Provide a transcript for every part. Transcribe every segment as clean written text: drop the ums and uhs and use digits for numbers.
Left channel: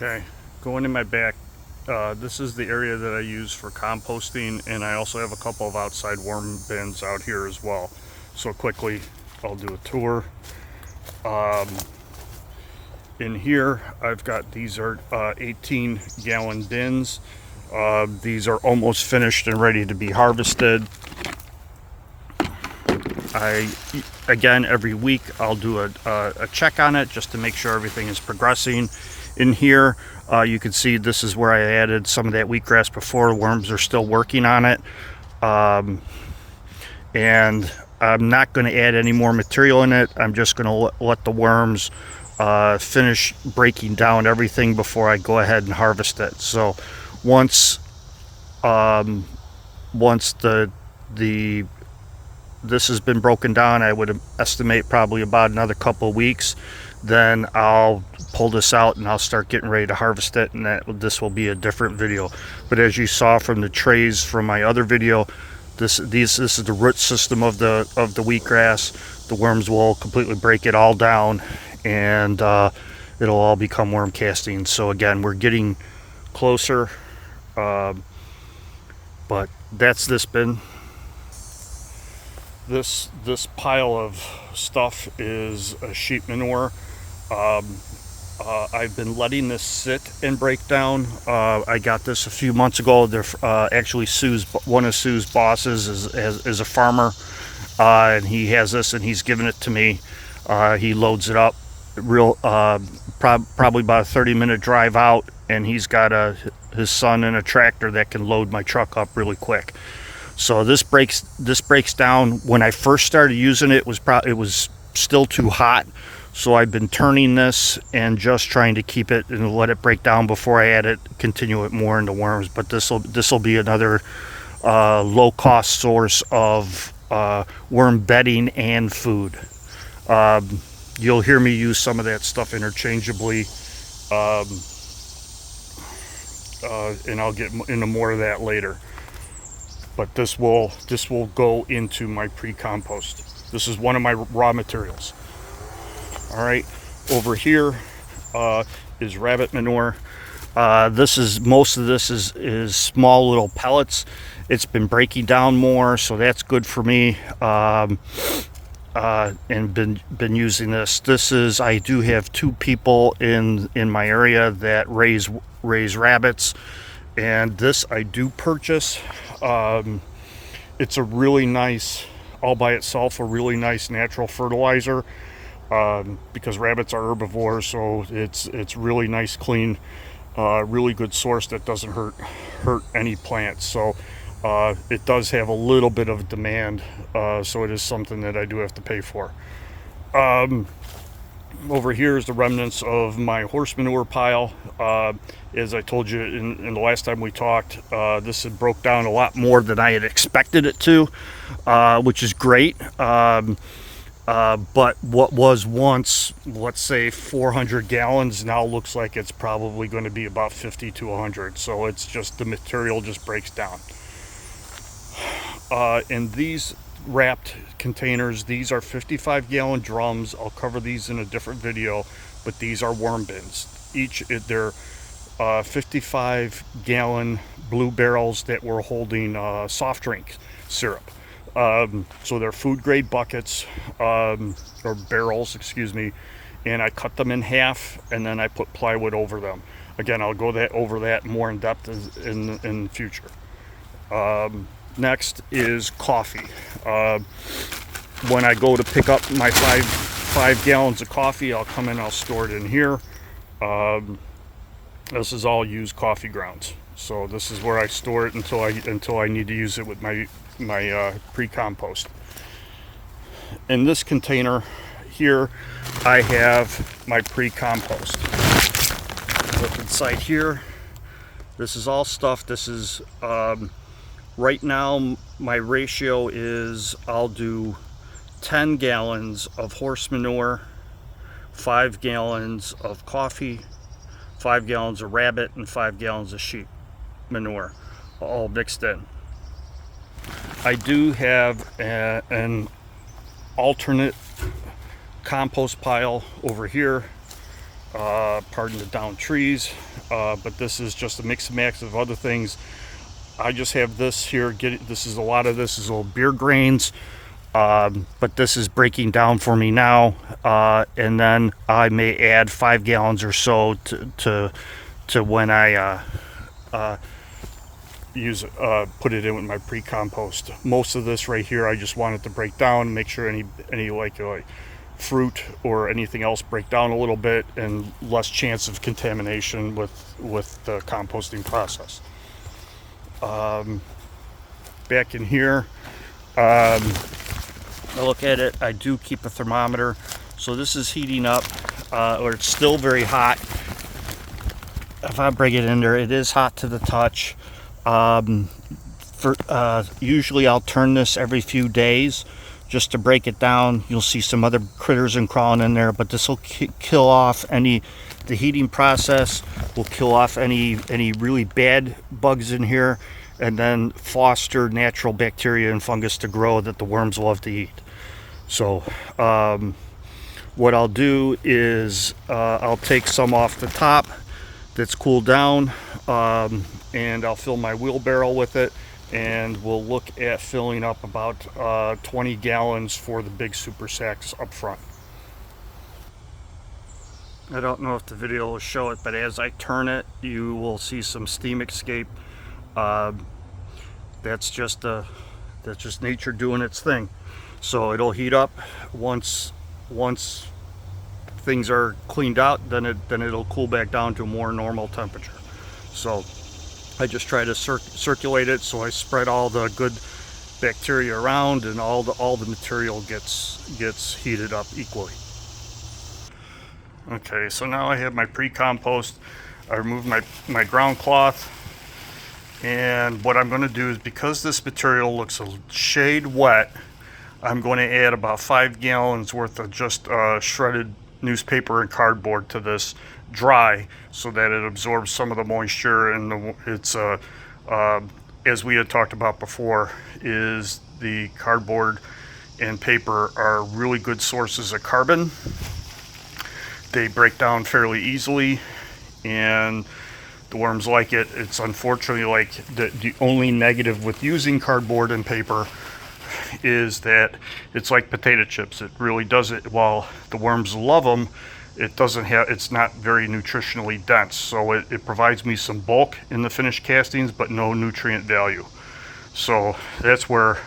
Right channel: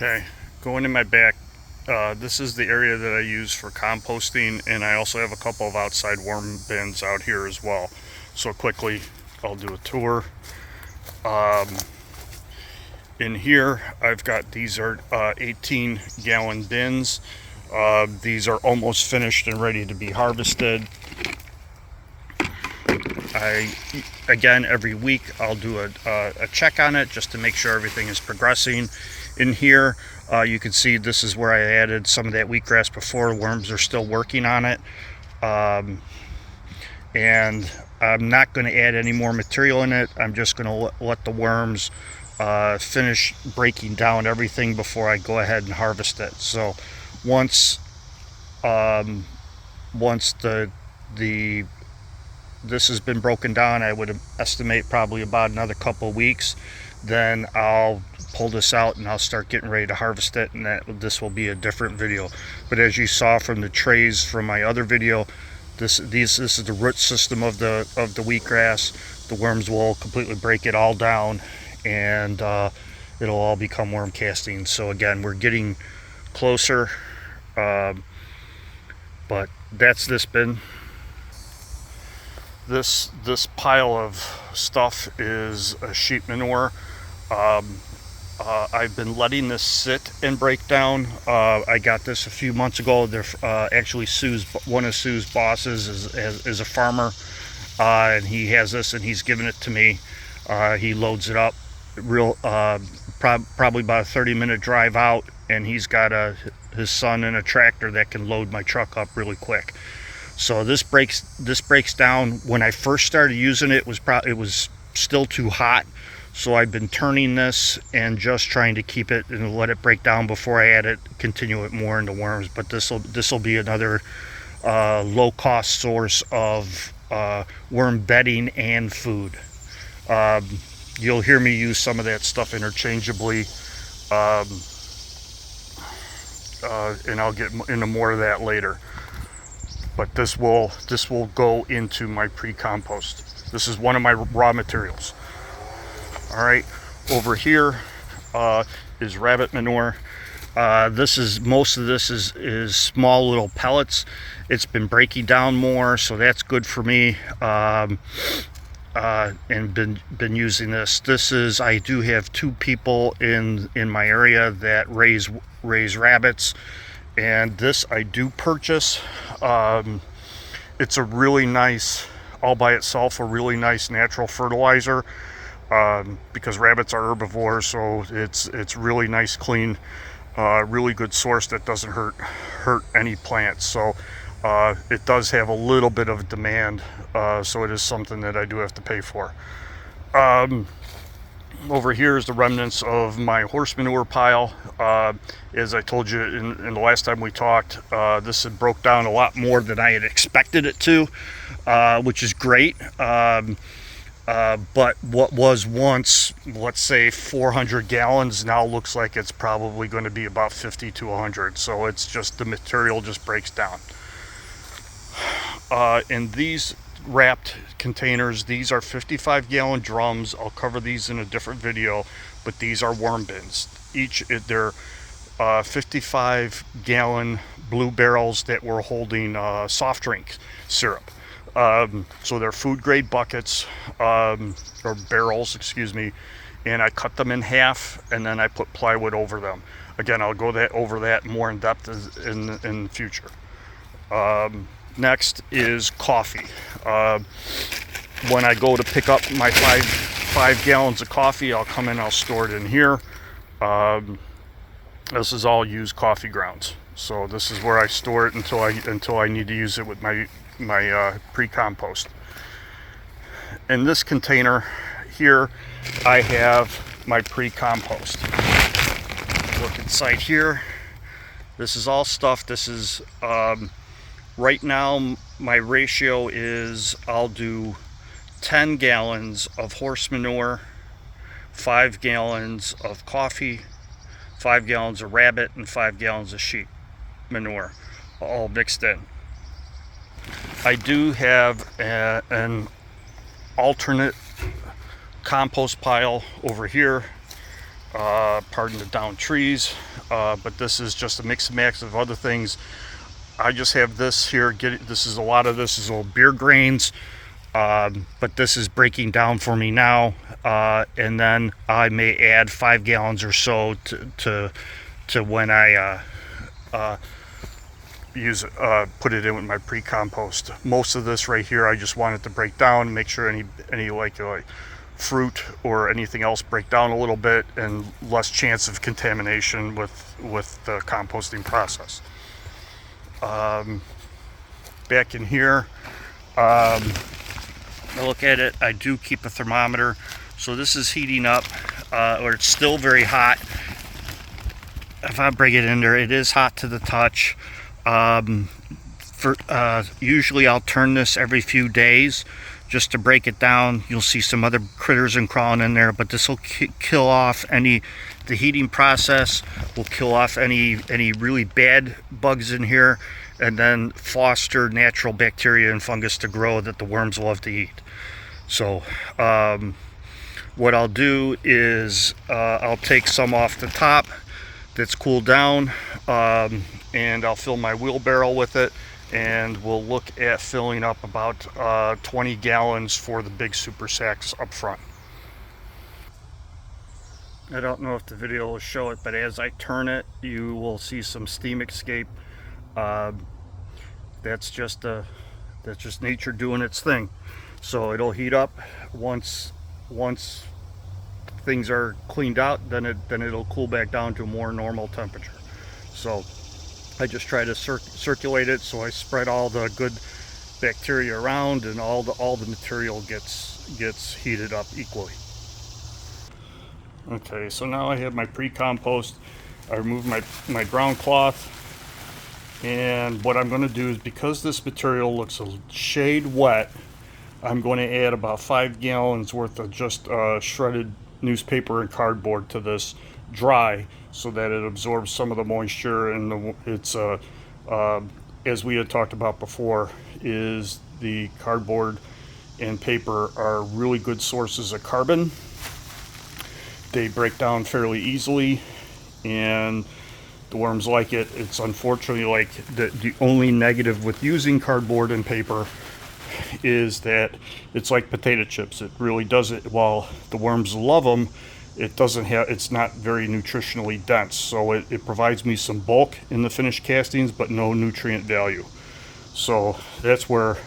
Okay, going in my back, this is the area that I use for composting, and I also have a couple of outside worm bins out here as well. So quickly, I'll do a tour. In here, I've got, these are 18-gallon bins. These are almost finished and ready to be harvested. Again, every week I'll do a check on it just to make sure everything is progressing. In here, you can see this is where I added some of that wheatgrass before. Worms are still working on it. And I'm not going to add any more material in it. I'm just going to let the worms finish breaking down everything before I go ahead and harvest it. So once this has been broken down, I would estimate probably about another couple of weeks, then I'll pull this out and I'll start getting ready to harvest it, and this will be a different video. But as you saw from the trays from my other video, this is the root system of the wheatgrass. The worms will completely break it all down, and it'll all become worm casting. So again, we're getting closer, but that's this bin. This pile of stuff is a sheep manure. I've been letting this sit and break down. I got this a few months ago. They're actually one of Sue's bosses is a farmer, and he has this, and he's given it to me. He loads it up, probably about a 30-minute drive out, and he's got his son in a tractor that can load my truck up really quick. So this breaks down. When I first started using it, it was still too hot. So I've been turning this and just trying to keep it and let it break down before I continue it more into worms. But this will be another low cost source of worm bedding and food. You'll hear me use some of that stuff interchangeably, and I'll get into more of that later. But this will go into my pre-compost. This is one of my raw materials. All right, over here is rabbit manure. Most of this is small little pellets. It's been breaking down more, so that's good for me. And been using this. I do have 2 people in my area that raise rabbits, and this I do purchase. It's a really nice, all by itself, a really nice natural fertilizer, because rabbits are herbivores, so it's really nice, clean, really good source that doesn't hurt any plants. So it does have a little bit of demand, so it is something that I do have to pay for. Over here is the remnants of my horse manure pile. As I told you in the last time we talked, this had broke down a lot more than I had expected it to, which is great. But what was once, let's say 400 gallons, now looks like it's probably going to be about 50 to 100. So it's just, the material just breaks down. And these wrapped containers, these are 55-gallon drums. I'll cover these in a different video, but these are worm bins. They're 55-gallon blue barrels that were holding soft drink syrup. So they're food grade buckets, or barrels, excuse me, and I cut them in half, and then I put plywood over them. Again, I'll go over that more in depth in the future. Next is coffee. When I go to pick up my five gallons of coffee, I'll come in, I'll store it in here. This is all used coffee grounds. So this is where I store it until I need to use it with my pre-compost. In this container here, I have my pre-compost. Look inside here. This is all stuff. This is right now my ratio is, I'll do 10 gallons of horse manure, 5 gallons of coffee, 5 gallons of rabbit, and 5 gallons of sheep manure, all mixed in. I do have an alternate compost pile over here. pardon the down trees, but this is just a mix and match of other things. I just have this here. This is a lot of this is little beer grains, but this is breaking down for me now, and then I may add 5 gallons or so to when I put it in with my pre-compost. Most of this right here, I just want it to break down, make sure any like fruit or anything else break down a little bit, and less chance of contamination with the composting process. Back in here, I look at it. I do keep a thermometer, so this is heating up, or it's still very hot. If I bring it in there, it is hot to the touch. Usually I'll turn this every few days just to break it down. You'll see some other critters and crawling in there, but this will kill off the heating process will kill off any really bad bugs in here, and then foster natural bacteria and fungus to grow that the worms love to eat. So what I'll do is I'll take some off the top that's cooled down, and I'll fill my wheelbarrow with it, and we'll look at filling up about 20 gallons for the big super sacks up front. I don't know if the video will show it, but as I turn it, you will see some steam escape. That's just nature doing its thing. So it'll heat up once things are cleaned out, then it'll cool back down to a more normal temperature. So I just try to circulate it, so I spread all the good bacteria around, and all the material gets heated up equally. Okay, so now I have my pre-compost. I removed my ground cloth, and what I'm going to do is, because this material looks a shade wet, I'm going to add about 5 gallons worth of just shredded newspaper and cardboard to this dry, so that it absorbs some of the moisture. And it's as we had talked about before, is the cardboard and paper are really good sources of carbon. They break down fairly easily, and the worms like it. It's unfortunately like the only negative with using cardboard and paper is that it's like potato chips. It really does it. While the worms love them, it's not very nutritionally dense. So it provides me some bulk in the finished castings, but no nutrient value. So that's where,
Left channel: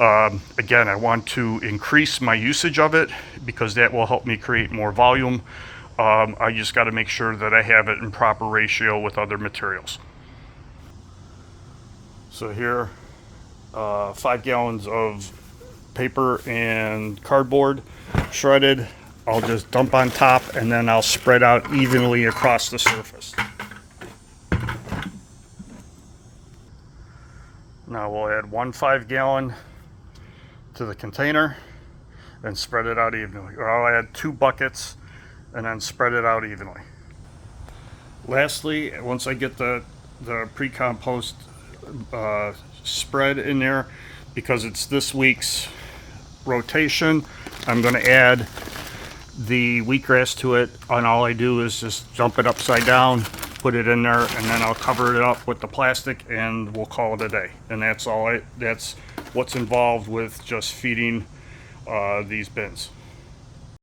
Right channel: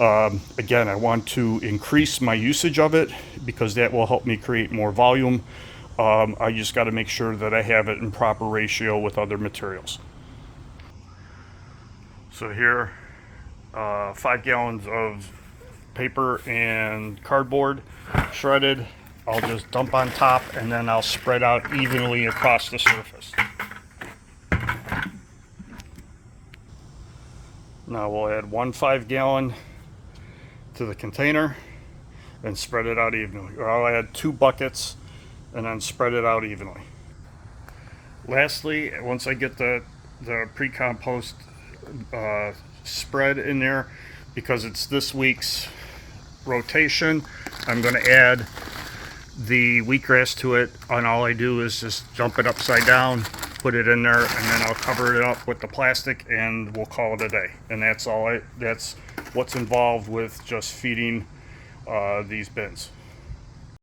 again, I want to increase my usage of it, because that will help me create more volume. I just got to make sure that I have it in proper ratio with other materials. So here, 5 gallons of paper and cardboard shredded. I'll just dump on top, and then I'll spread out evenly across the surface. Now we'll add 1 5-gallon to the container and spread it out evenly. Or I'll add 2 buckets and then spread it out evenly. Lastly, once I get the pre-compost spread in there, because it's this week's rotation, I'm going to add the wheatgrass to it, and all I do is just dump it upside down, put it in there, and then I'll cover it up with the plastic, and we'll call it a day. And that's what's involved with just feeding these bins.